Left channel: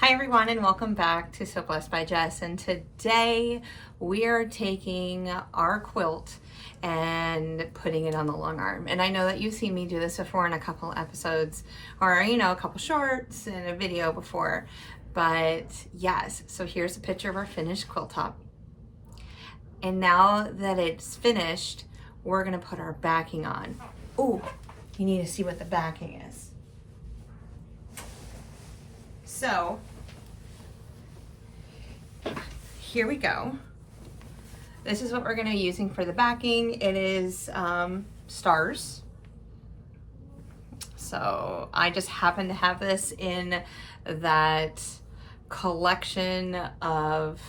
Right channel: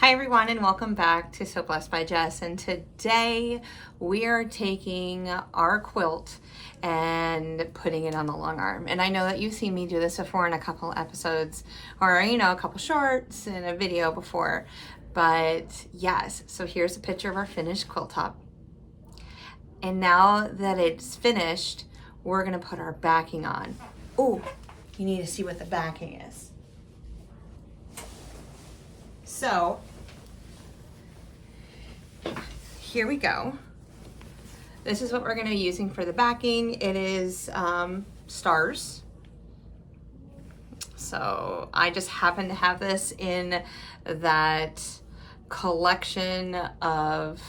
Hi everyone and welcome back to So Blessed by Jess, and today we are taking our quilt and putting it on the long arm. And I know that you've seen me do this before in a couple episodes or a couple shorts and a video before, but yes, so here's a picture of our finished quilt top. And now that it's finished, we're gonna put our backing on. Oh, you need to see what the backing is. So here we go. This is what we're going to be using for the backing. It is stars. So I just happen to have this in that collection of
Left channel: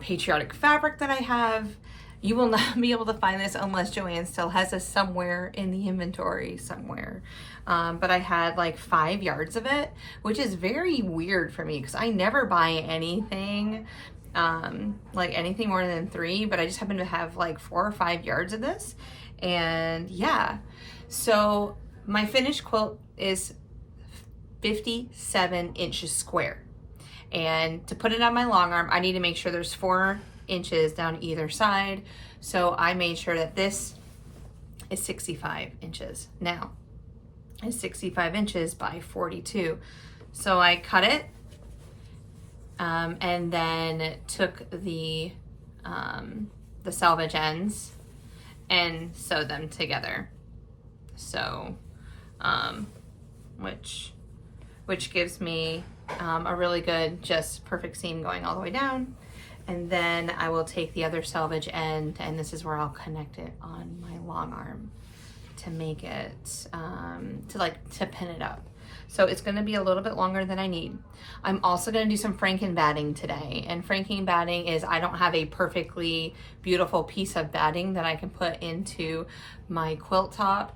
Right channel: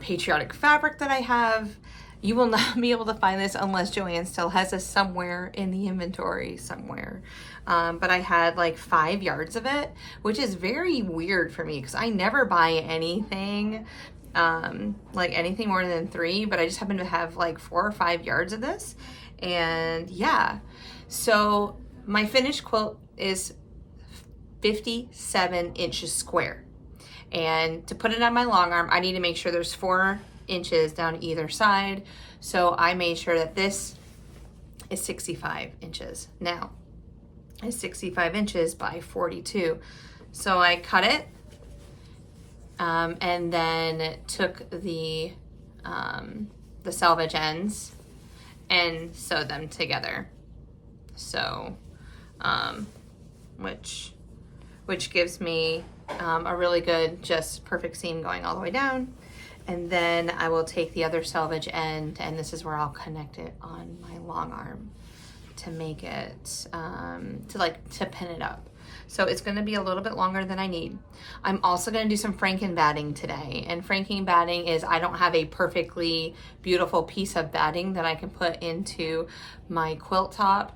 patriotic fabric that I have. You will not be able to find this unless Joanne still has this somewhere in the inventory somewhere. But I had like 5 yards of it, which is very weird for me because I never buy anything like anything more than 3, but I just happen to have like 4 or 5 yards of this. And yeah, so my finished quilt is 57 inches square. And to put it on my long arm, I need to make sure there's 4 inches down either side. So I made sure that this is 65 inches. Now, it's 65 inches by 42. So I cut it and then took the salvage ends and sewed them together. So, which gives me a really good, just perfect seam going all the way down. And then I will take the other salvage end, and this is where I'll connect it on my long arm to make it, to pin it up. So it's gonna be a little bit longer than I need. I'm also gonna do some franken batting today. And franken batting is, I don't have a perfectly beautiful piece of batting that I can put into my quilt top.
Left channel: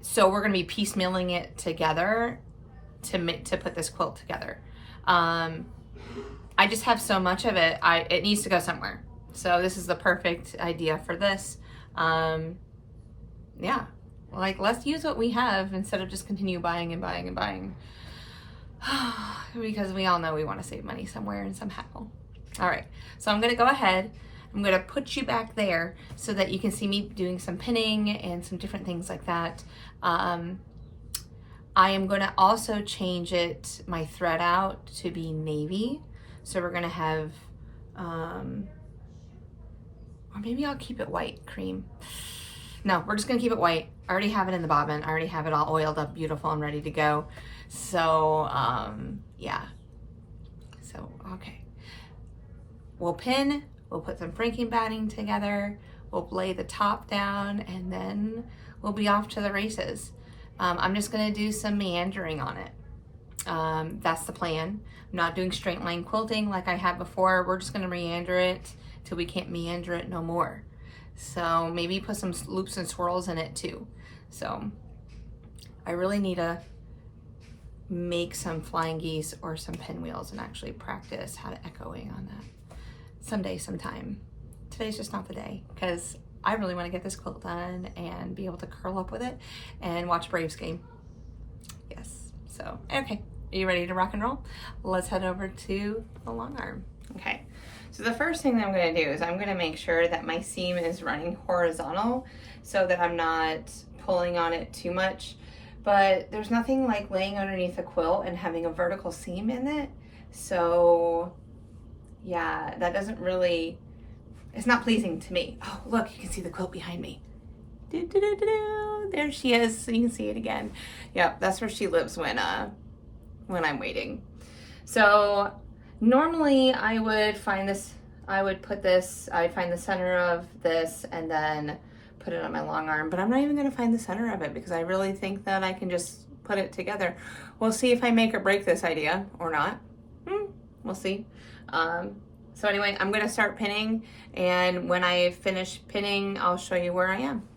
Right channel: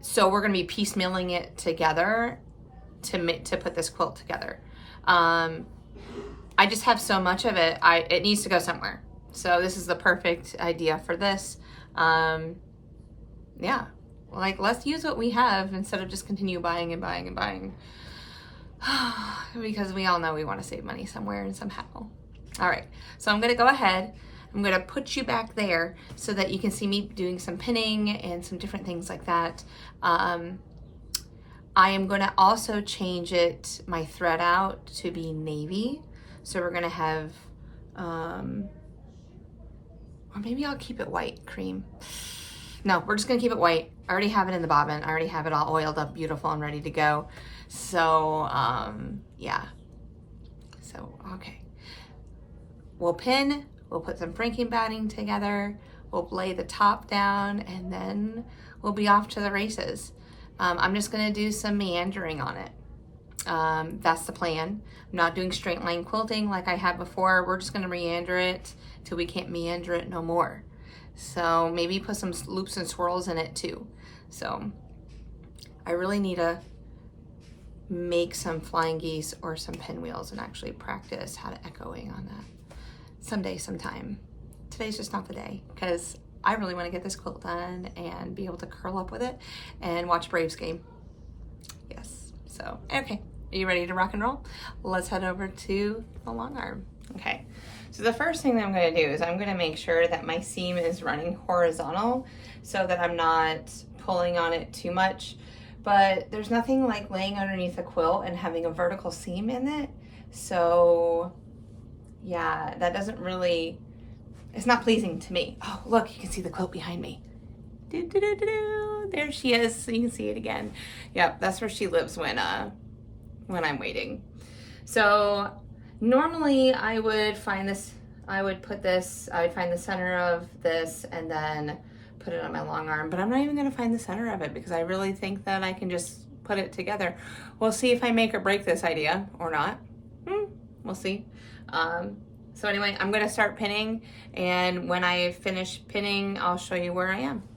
So we're gonna be piecemealing it together to put this quilt together. I just have so much of it, it needs to go somewhere. So this is the perfect idea for this. Yeah, like let's use what we have instead of just continue buying and buying and buying. Because we all know we want to save money somewhere and somehow. All right, so I'm gonna go ahead. I'm gonna put you back there so that you can see me doing some pinning and some different things like that. I am gonna also change my thread out to be navy. So we're gonna have, or maybe I'll keep it white, cream. No, we're just gonna keep it white. I already have it in the bobbin. I already have it all oiled up, beautiful and ready to go. So, yeah. So, okay. We'll pin, we'll put some franken batting together, we'll lay the top down, and then we'll be off to the races. I'm just gonna do some meandering on it. That's the plan. I'm not doing straight line quilting like I had before. We're just gonna meander it till we can't meander it no more. So maybe put some loops and swirls in it too. So I really need to make some flying geese or some pinwheels and actually practice how to echoing on that someday, sometime. Today's just not the day because I really want to get this quilt done and be able to curl up with it and watch Braves game. Yes, so, okay. Are you ready to rock and roll? Let's head over to the long arm. Okay, so the first thing that I'm gonna do is I'm gonna make sure that my seam is running horizontal so that I'm not pulling on it too much. But there's nothing like laying underneath a quilt and having a vertical seam in it. So yeah, that doesn't really, it's not pleasing to me. Oh, look, you can see the quilt behind me. There she is, so you can see it again. Yep, that's where she lives when I'm waiting. So normally I would find the center of this and then put it on my long arm, but I'm not even gonna find the center of it because I really think that I can just put it together. We'll see if I make or break this idea or not. We'll see. So anyway, I'm gonna start pinning, and when I finish pinning, I'll show you where I am.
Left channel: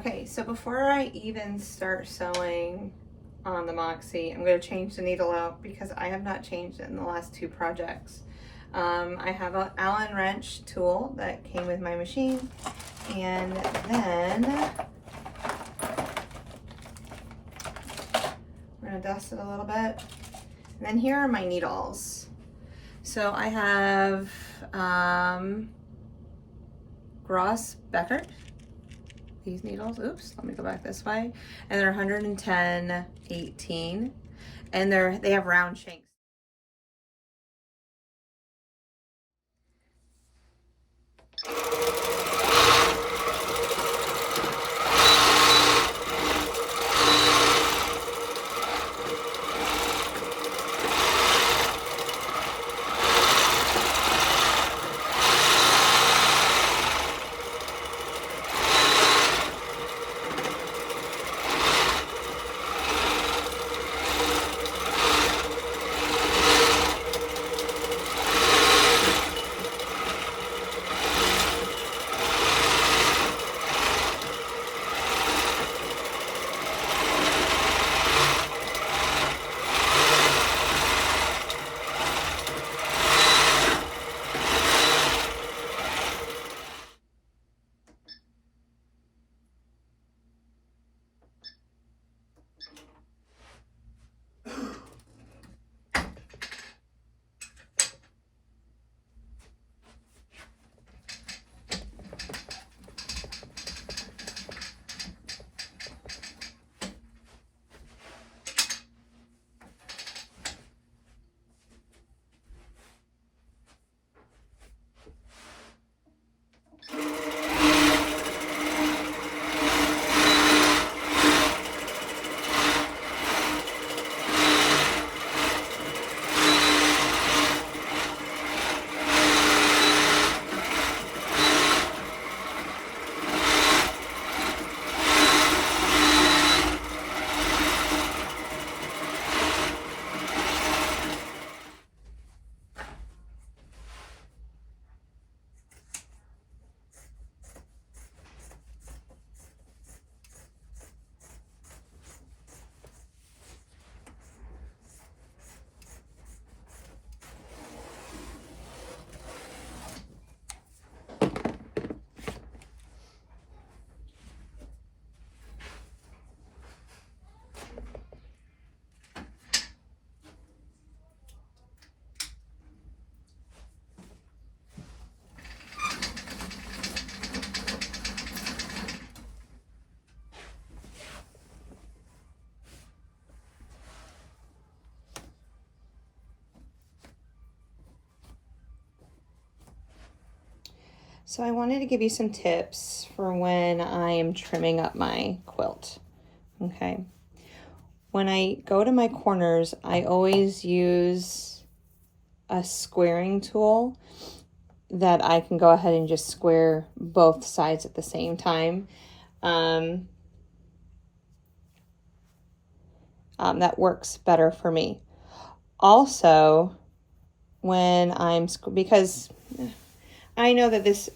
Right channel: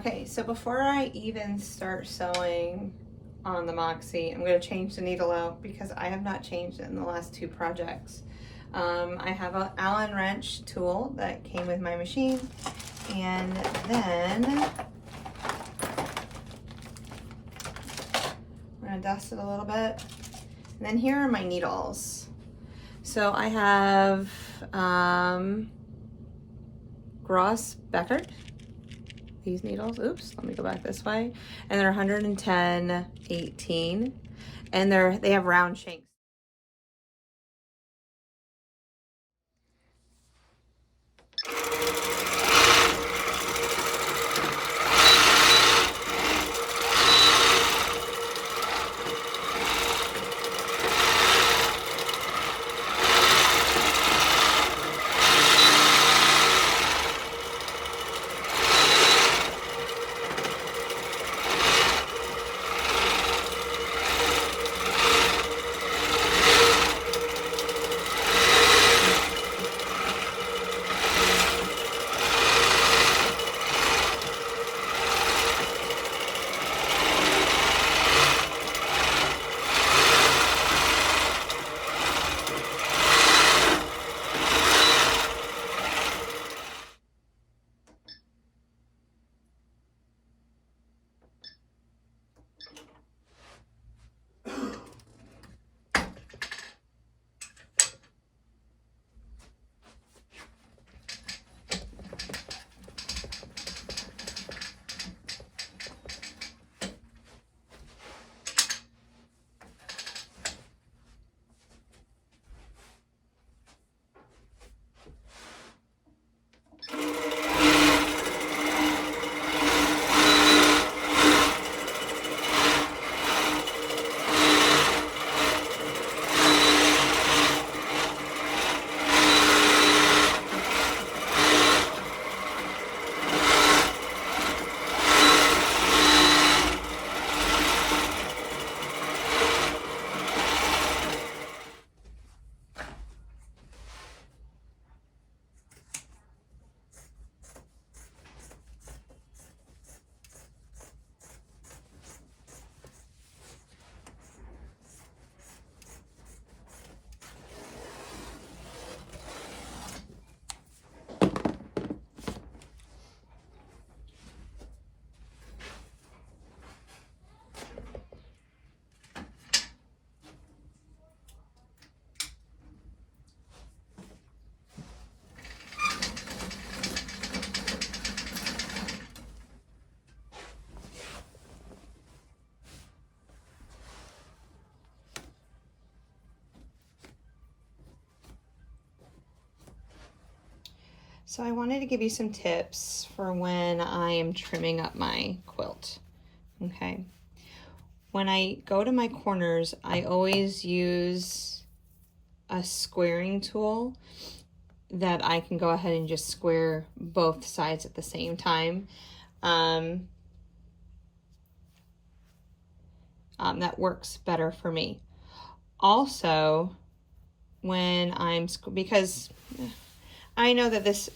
Okay, so before I even start sewing on the Moxie, I'm going to change the needle out because I have not changed it in the last 2 projects. I have an Allen wrench tool that came with my machine, and then I'm going to dust it a little bit. And then here are my needles. So I have Gross Beckert, these needles, oops, let me go back this way. And they're 110/18, and they have round shanks. So I wanted to give you some tips for when I am trimming up my quilt, okay? When I go to my corners, I always use a squaring tool that I can go ahead and just square both sides at the same time. That works better for me. Also, because I know that this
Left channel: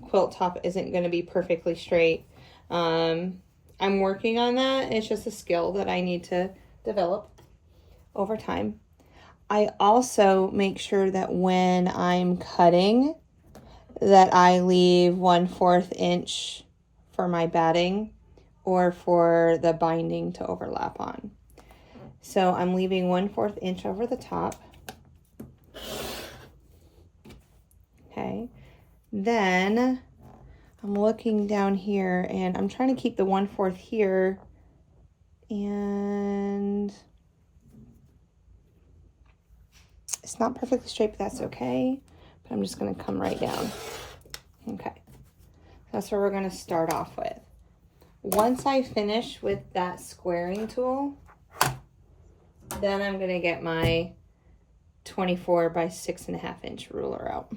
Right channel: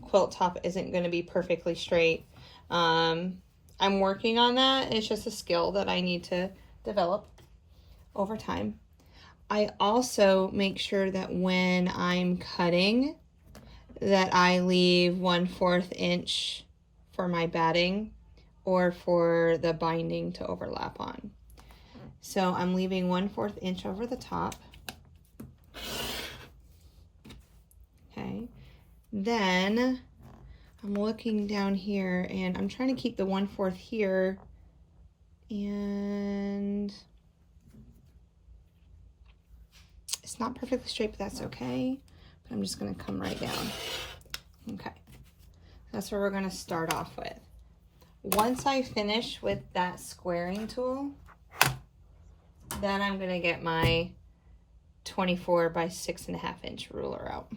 quilt top isn't going to be perfectly straight. I'm working on that. It's just a skill that I need to develop over time. I also make sure that when I'm cutting, that I leave 1/4 inch for my batting or for the binding to overlap on. So I'm leaving 1/4 inch over the top. Okay, then I'm looking down here and I'm trying to keep the 1/4 here, and it's not perfectly straight, but that's okay. But I'm just going to come right down. Okay, that's where we're going to start off with. Once I finish with that squaring tool, then I'm going to get my 24 by 6.5 inch ruler out.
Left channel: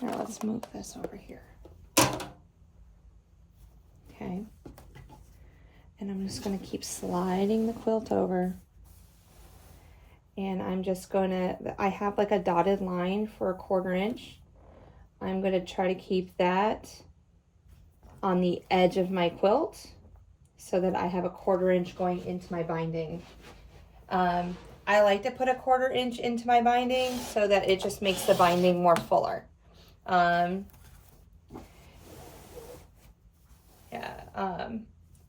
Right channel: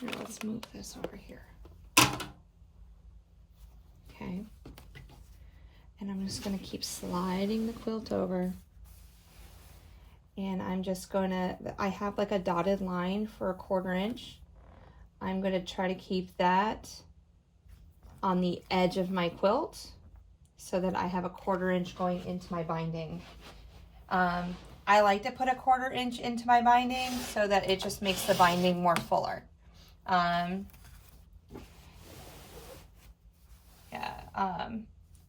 Here, let's move this over here. Okay, and I'm just going to keep sliding the quilt over, and I'm just going to, I have like a dotted line for 1/4 inch. I'm going to try to keep that on the edge of my quilt so that I have a 1/4 inch going into my binding. I like to put a 1/4 inch into my binding so that it just makes the binding more fuller.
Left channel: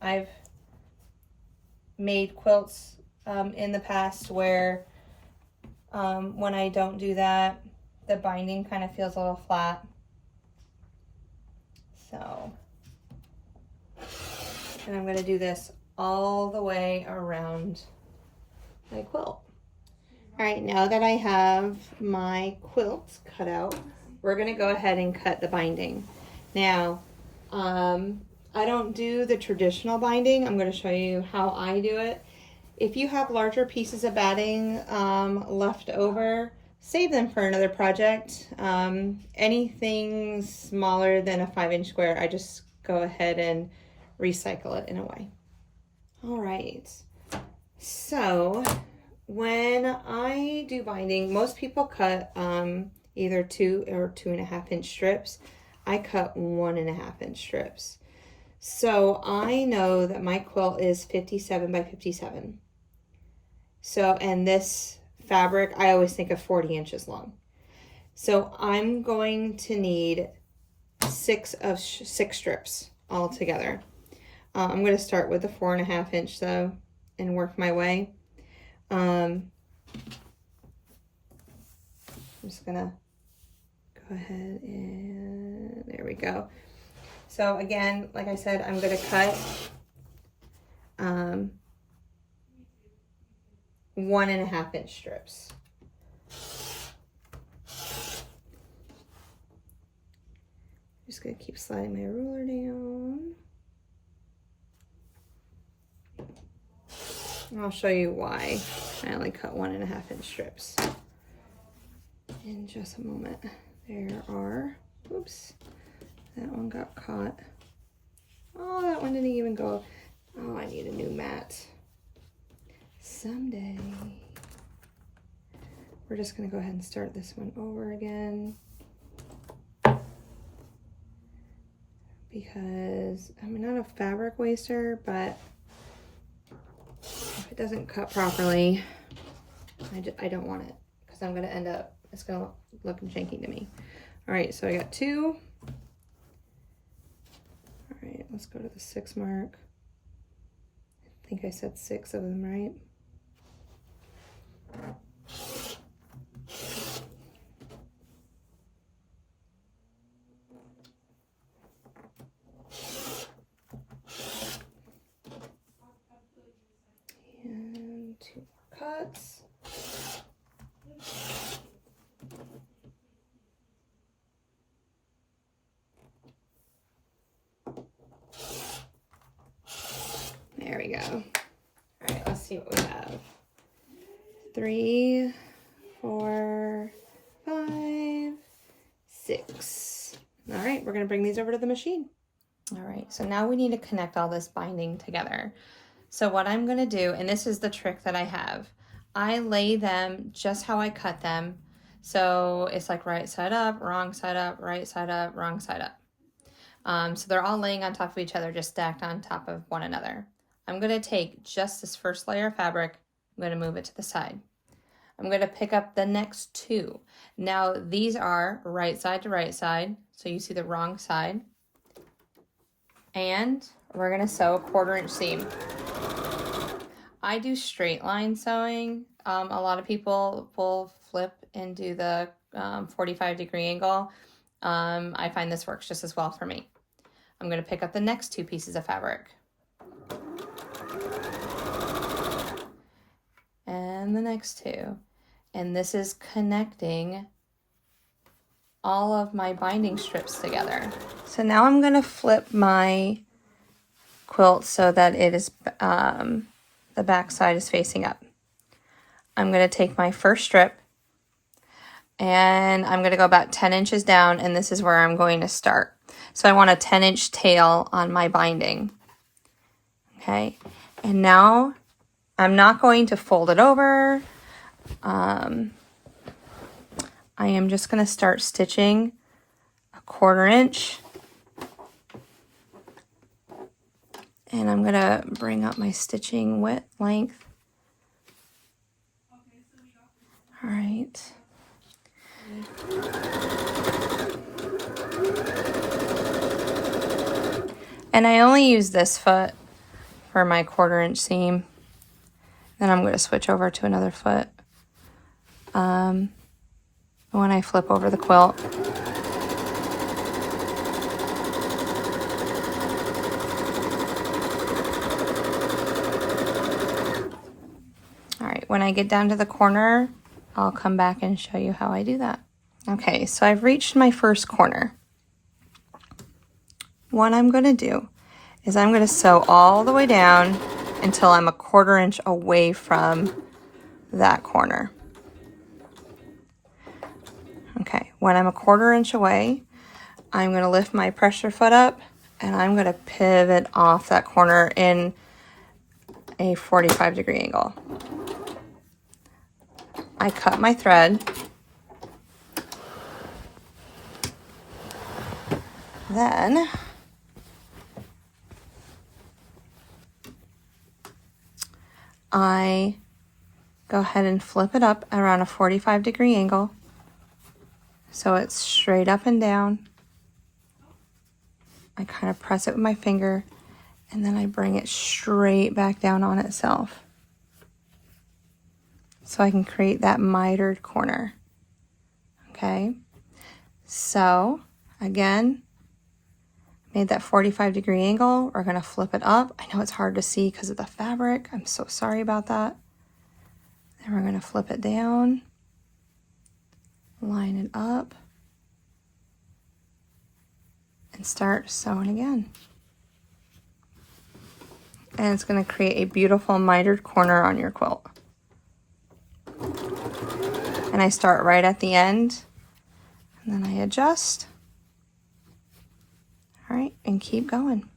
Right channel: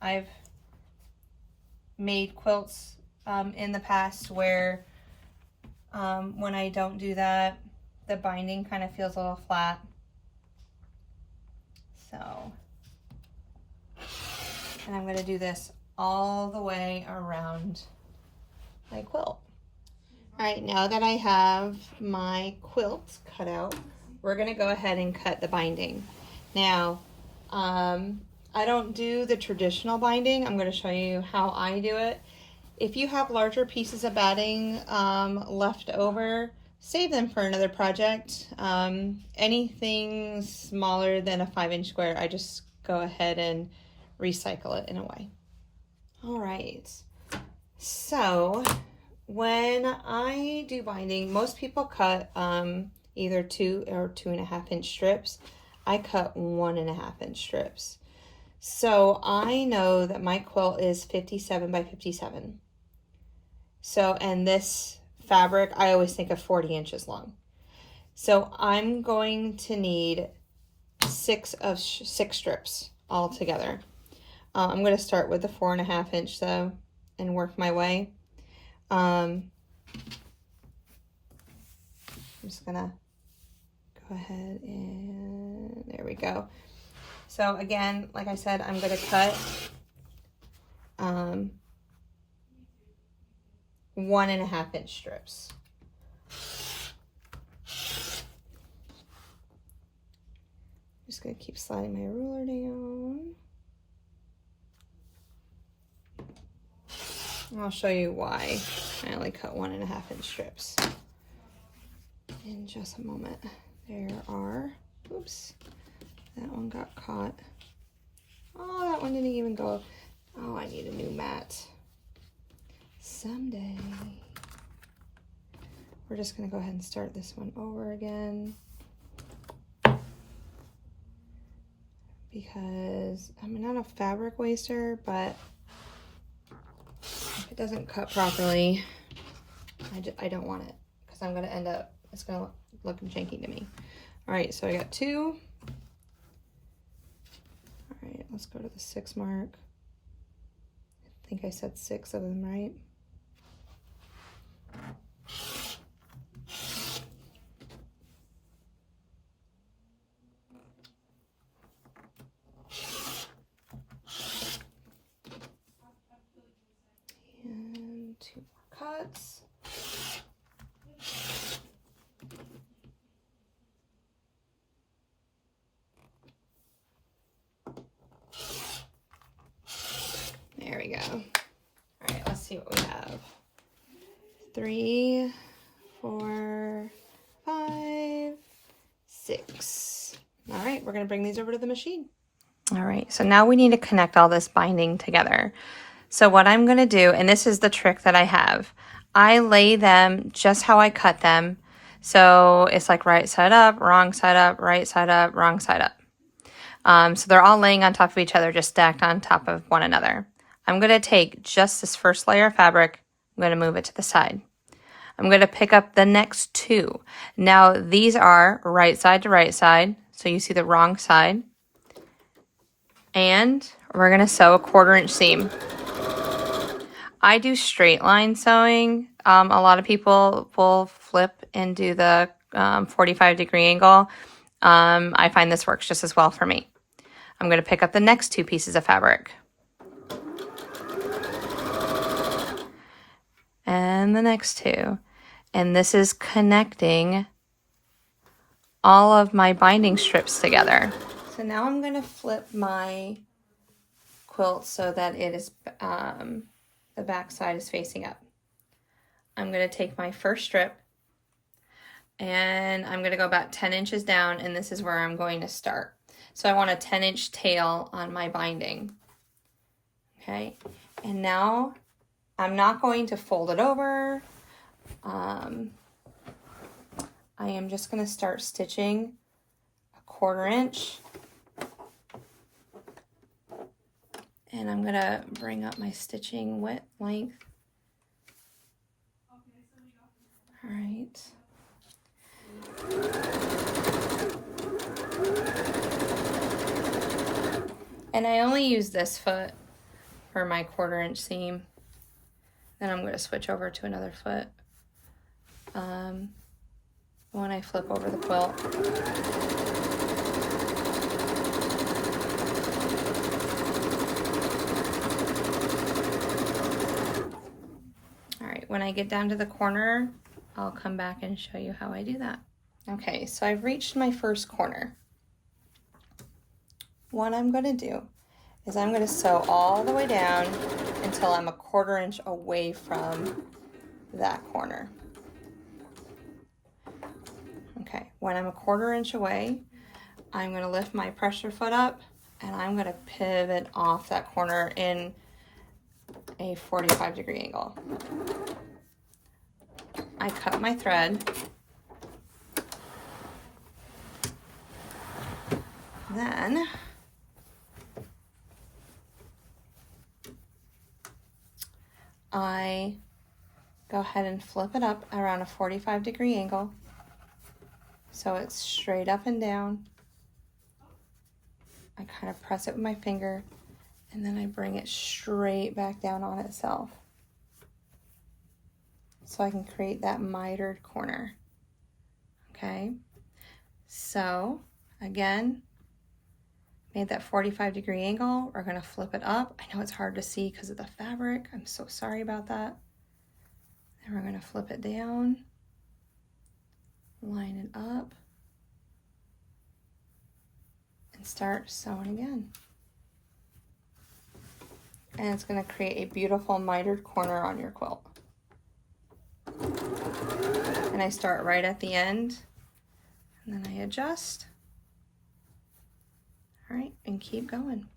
I've made quilts in the past where when I don't do that, the binding kind of feels a little flat. So, and I'm going to do this all the way around my quilt. All right, now that I have my quilt cut out, we're going to go ahead and cut the binding. Now, I don't do the traditional binding. I'm going to show you how I do it. If you have larger pieces of batting left over, save them for another project. Anything smaller than a 5-inch square, I just go ahead and recycle it in a way. All right, so when I do binding, most people cut either 2 or 2.5 inch strips. I cut 1.5 inch strips. So I know that my quilt is 57 by 57. So, and this fabric, I always think of 40 inches long. So I'm going to need 6 strips all together. I'm going to start with the 4.5 inch though and work my way. I'm just gonna go ahead and there we go. So again, like I said, I'm going to cut 1.5 inch strips. Just going to keep sliding my ruler down. And I'll show you why I only cut 1.5 inch strips in just a moment. There are, oops, that one got caught. Oh, that one didn't even go. Oh, I need a new mat. Someday. We're just gonna go ahead and start this one over again. Because I'm not a fabric waster, but if it doesn't cut properly, I don't want it because I'm gonna end up, it's gonna look janky to me. All right, so I got 2. All right, let's go to the 6 mark. I think I said 6 of them, right? And 2 more cuts. There we go. All right, let's see what we have. 3, 4, 5, 6. All right, we're gonna bring these over to the machine. All right, so now we need to connect all this binding together. So what I'm gonna do, and this is the trick that I have, I lay them just how I cut them. So it's like right side up, wrong side up, right side up, wrong side up. So they're all laying on top of each other, just stacked on top of one another. I'm gonna take just this first layer of fabric, I'm gonna move it to the side. I'm gonna pick up the next 2. Now these are right side to right side, so you see the wrong side. And we're gonna sew a 1/4 inch seam. I do straight line sewing. A lot of people will flip and do the 45-degree angle. I find this works just as well for me. I'm gonna pick up the next 2 pieces of fabric. And the next 2. And this is connecting all of my binding strips together. So now I'm gonna flip my quilt so that it is, the back side is facing up. I'm gonna take my first strip and I'm gonna go about 10 inches down, and this is where I'm going to start. So I want a 10-inch tail on my binding. Okay, and now I'm not going to fold it over. I am just gonna start stitching a 1/4 inch And I'm gonna bring up my stitching width length. All right. And I only use this foot for my 1/4 inch seam. Then I'm gonna switch over to another foot when I flip over the quilt. All right, when I get down to the corner, I'll come back and show you how I do that. Okay, so I've reached my first corner. What I'm gonna do is I'm gonna sew all the way down until I'm a 1/4 inch away from that corner. Okay, when I'm a 1/4 inch away, I'm gonna lift my pressure foot up and I'm gonna pivot off that corner in a 45-degree angle. I cut my thread. Then I go ahead and flip it up around a 45-degree angle so it's straight up and down. I kind of press it with my finger and then I bring it straight back down on itself so I can create that mitered corner. Okay, so again, made that 45-degree angle. We're gonna flip it up. I know it's hard to see because of the fabric. I'm so sorry about that. Then we're gonna flip it down, line it up, and start sewing again. And it's gonna create a beautiful mitered corner on your quilt. And I start right at the end, and then I adjust. All right, and keep going.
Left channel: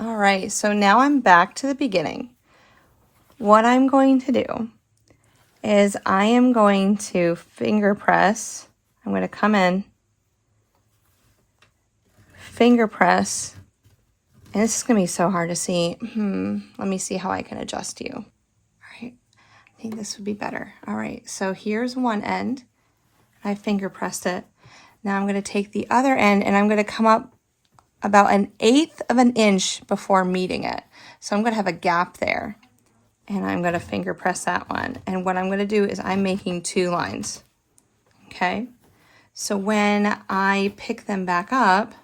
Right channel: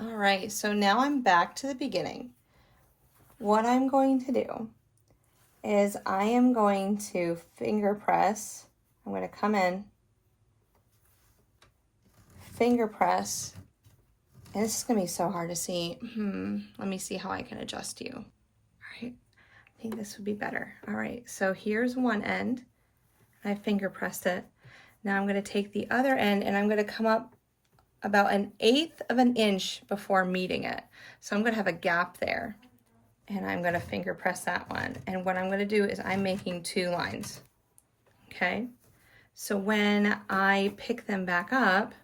All right, so now I'm back to the beginning. What I'm going to do is I am going to finger press. I'm going to come in, finger press, and this is going to be so hard to see. Let me see how I can adjust you. All right, I think this would be better. All right, so here's one end. I finger pressed it. Now I'm going to take the other end and I'm going to come up about 1/8 of an inch before meeting it. So I'm going to have a gap there and I'm going to finger press that one. And what I'm going to do is I'm making 2 lines. Okay. So when I pick them back up,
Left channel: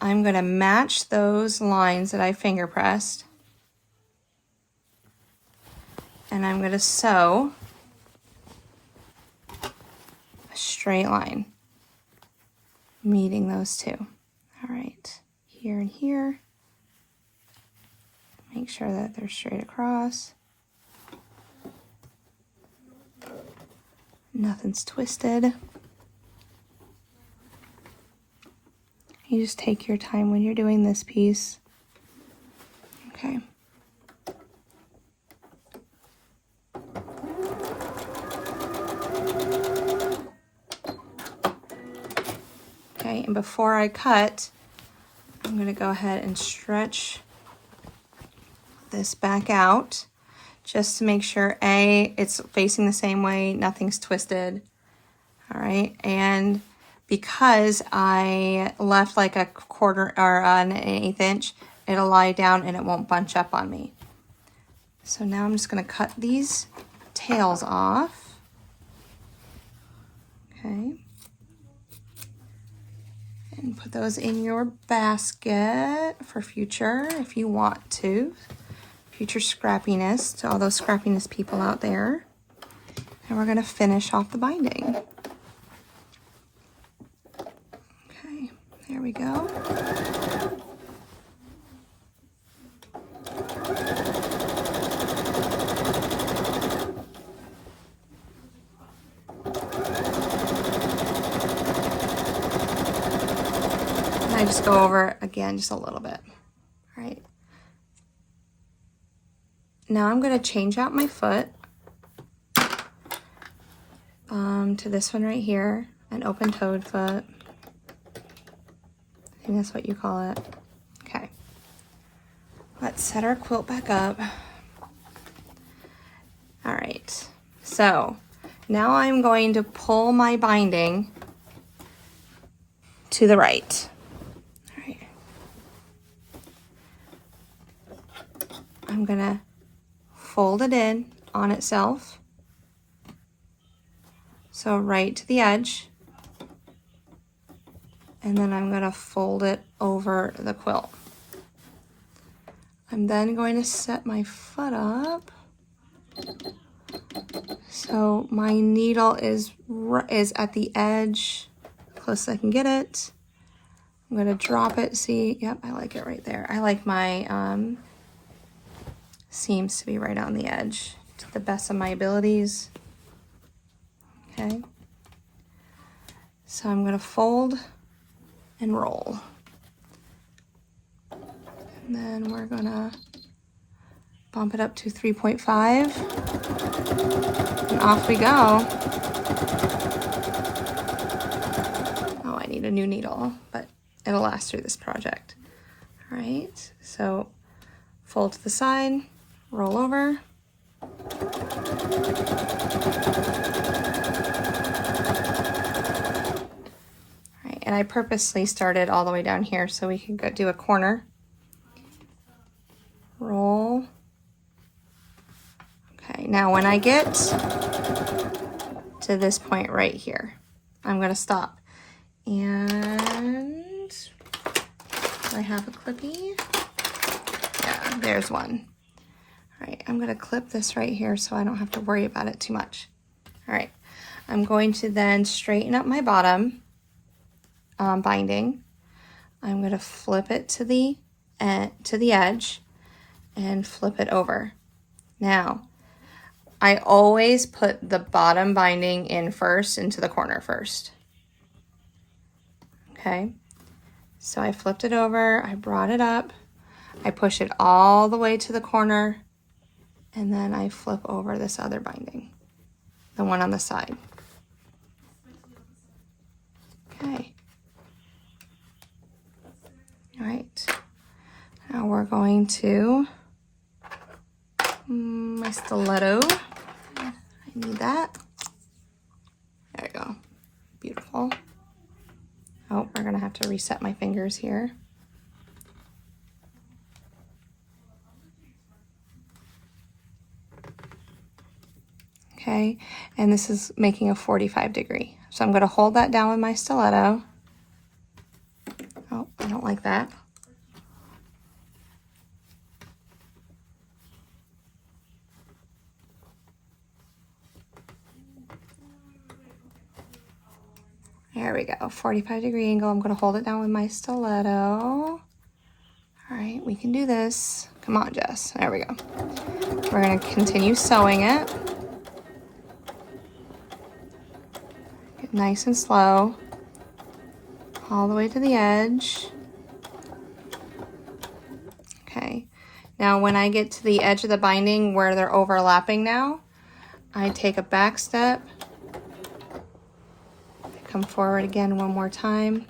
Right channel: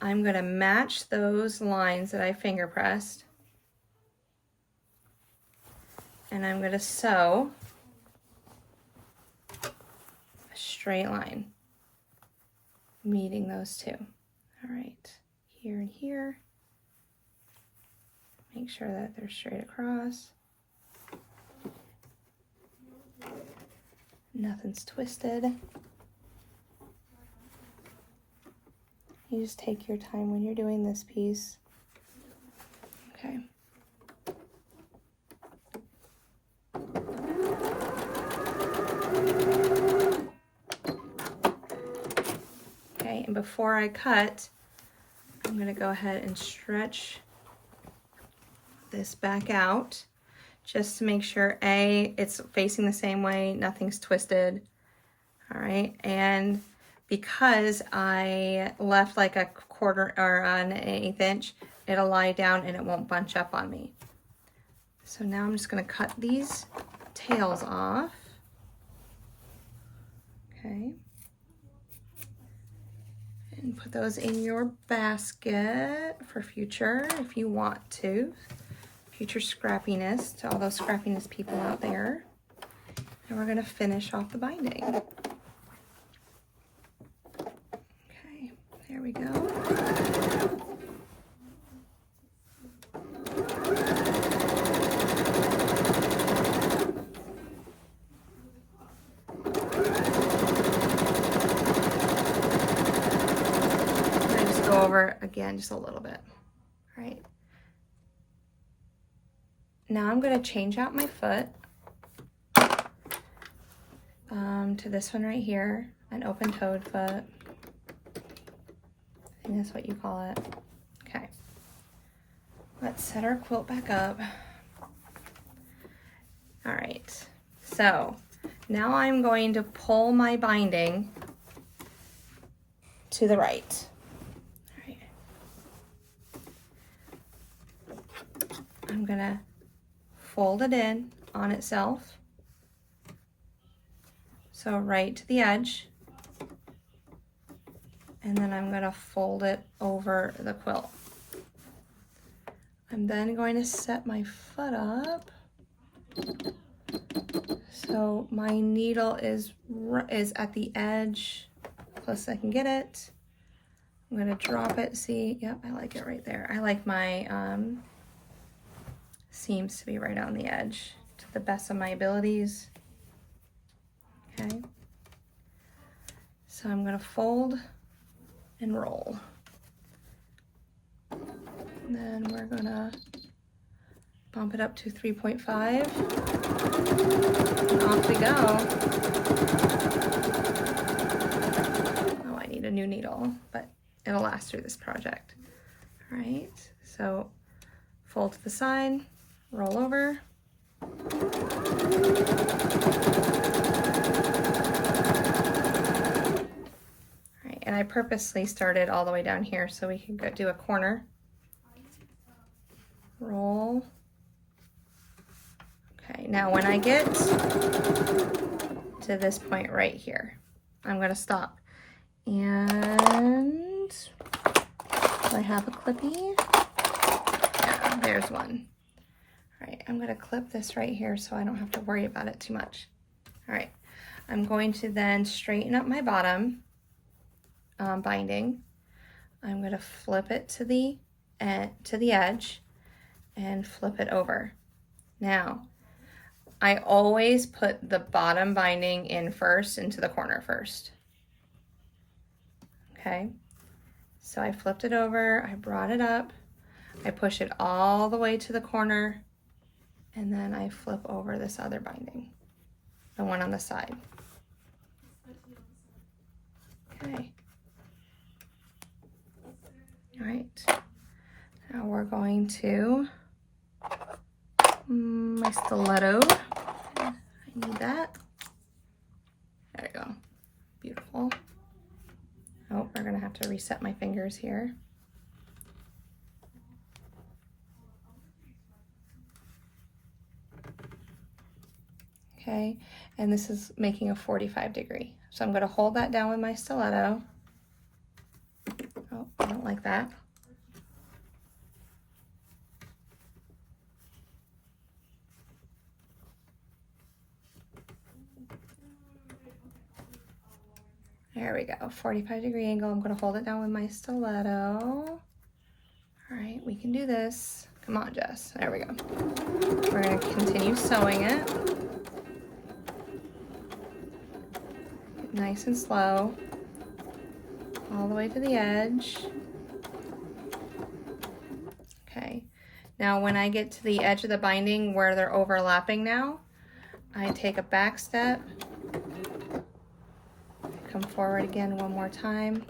I'm going to match those lines that I finger pressed. And I'm going to sew straight line, meeting those 2. All right, here and here. Make sure that they're straight across. Nothing's twisted. You just take your time when you're doing this piece. Okay. And before I cut, I'm going to go ahead and stretch this back out just to make sure it's facing the same way, nothing's twisted. All right, and because I left like a 1/4 or an 1/8 inch, it'll lie down and it won't bunch up on me. So now I'm just going to cut these tails off. Okay. And put those in your basket for future if you want to. Future scrappiness to all those scrappiness people out there. And we're going to finish off the binding. Okay, there we go. I just go over again just a little bit. All right. Now I'm going to change out my foot to this one right here, an open-toed foot. I think that's what you call it. Okay. Let's set our quilt back up. All right, so now I'm going to pull my binding to the right. All right. I'm gonna fold it in on itself. So right to the edge. And then I'm gonna fold it over the quilt. I'm then going to set my foot up. So my needle is at the edge, close as I can get it. I'm gonna drop it, see, yep, I like it right there. I like my seams to be right on the edge to the best of my abilities. Okay. So I'm gonna fold and roll. And then we're gonna bump it up to 3.5 and off we go. Oh, I need a new needle, but it'll last through this project. All right, so fold to the side, roll over. All right, and I purposely started all the way down here so we can go do a corner. Roll. Okay, now when I get to this point right here, I'm gonna stop. And do I have a clippy? Yeah, there's one. All right, I'm gonna clip this right here so I don't have to worry about it too much. All right, I'm going to then straighten up my bottom binding. I'm gonna flip it to the edge and flip it over. Now, I always put the bottom binding in first into the corner first. Okay, so I flipped it over, I brought it up, I push it all the way to the corner, and then I flip over this other binding, the one on the side. Okay. All right, now we're going to my stiletto. I need that. There we go. Beautiful. Oh, we're gonna have to reset my fingers here. Okay, and this is making a 45-degree. So I'm gonna hold that down with my stiletto. Oh, I don't like that. There we go, 45-degree angle. I'm gonna hold it down with my stiletto. All right, we can do this. Come on, Jess, there we go. We're gonna continue sewing it. Get nice and slow, all the way to the edge. Okay, now when I get to the edge of the binding where they're overlapping now, I take a back step, come forward again one more time.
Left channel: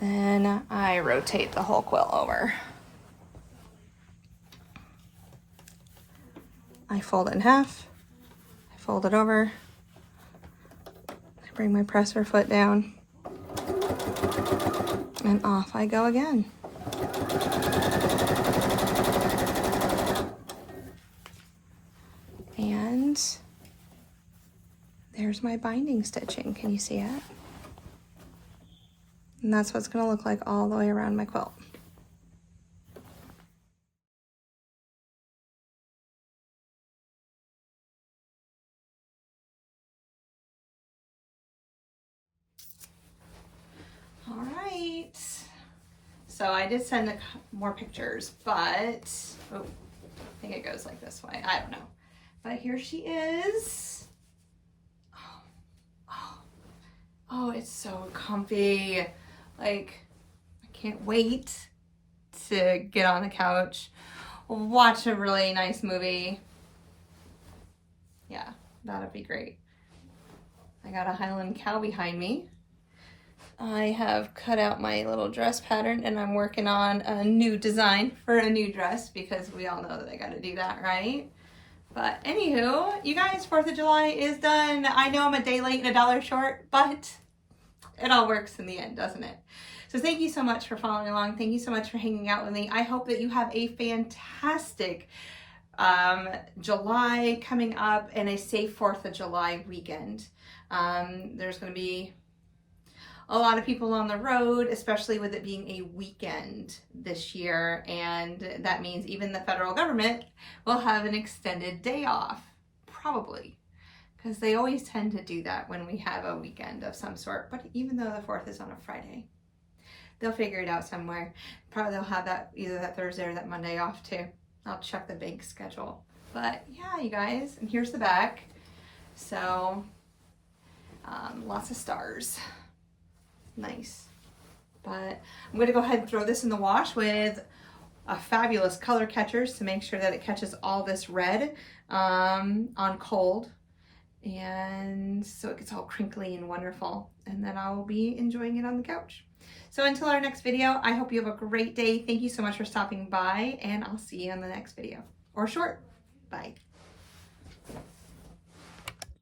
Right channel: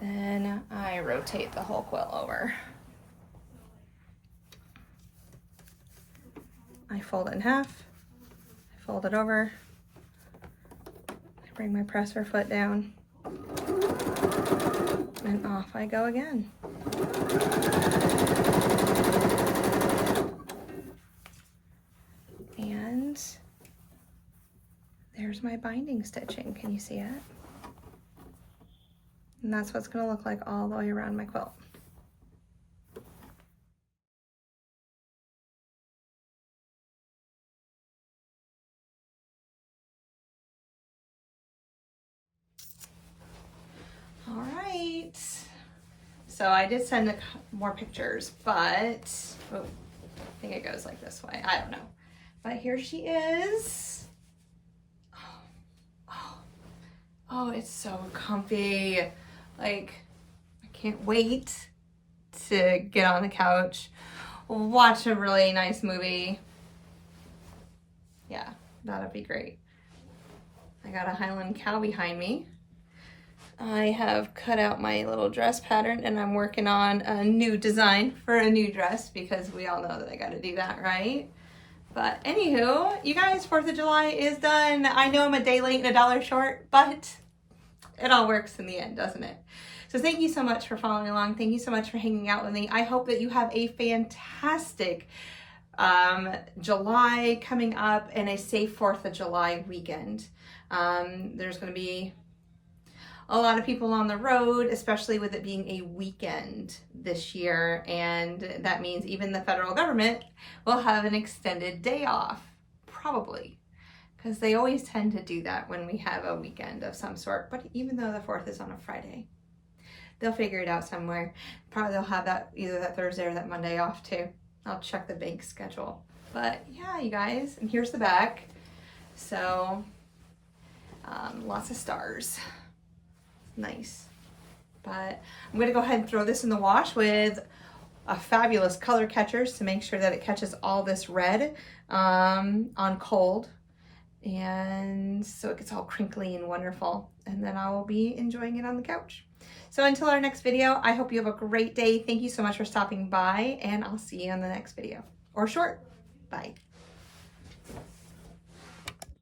Then I rotate the whole quilt over. I fold it in half, I fold it over, I bring my presser foot down, and off I go again. And there's my binding stitching. Can you see it? And that's what it's going to look like all the way around my quilt. All right. So I did send more pictures, but oh, I think it goes like this way. I don't know. But here she is. Oh, it's so comfy. Like, I can't wait to get on the couch, watch a really nice movie. Yeah, that'd be great. I got a Highland cow behind me. I have cut out my little dress pattern and I'm working on a new design for a new dress because we all know that I gotta do that, right? But anywho, you guys, 4th of July is done. I know I'm a day late and $1 short, but it all works in the end, doesn't it? So thank you so much for following along. Thank you so much for hanging out with me. I hope that you have a fantastic July coming up and a safe 4th of July weekend. There's going to be a lot of people on the road, especially with it being a weekend this year. And that means even the federal government will have an extended day off, probably, because they always tend to do that when we have a weekend of some sort. But even though the 4th is on a Friday, they'll figure it out somewhere. Probably they'll have that either that Thursday or that Monday off too. I'll check the bank schedule. But yeah, you guys, and here's the back. So lots of stars. Nice. But I'm gonna go ahead and throw this in the wash with a fabulous color catchers to make sure that it catches all this red on cold. And so it gets all crinkly and wonderful. And then I will be enjoying it on the couch. So until our next video, I hope you have a great day. Thank you so much for stopping by, and I'll see you on the next video. Or short. Bye.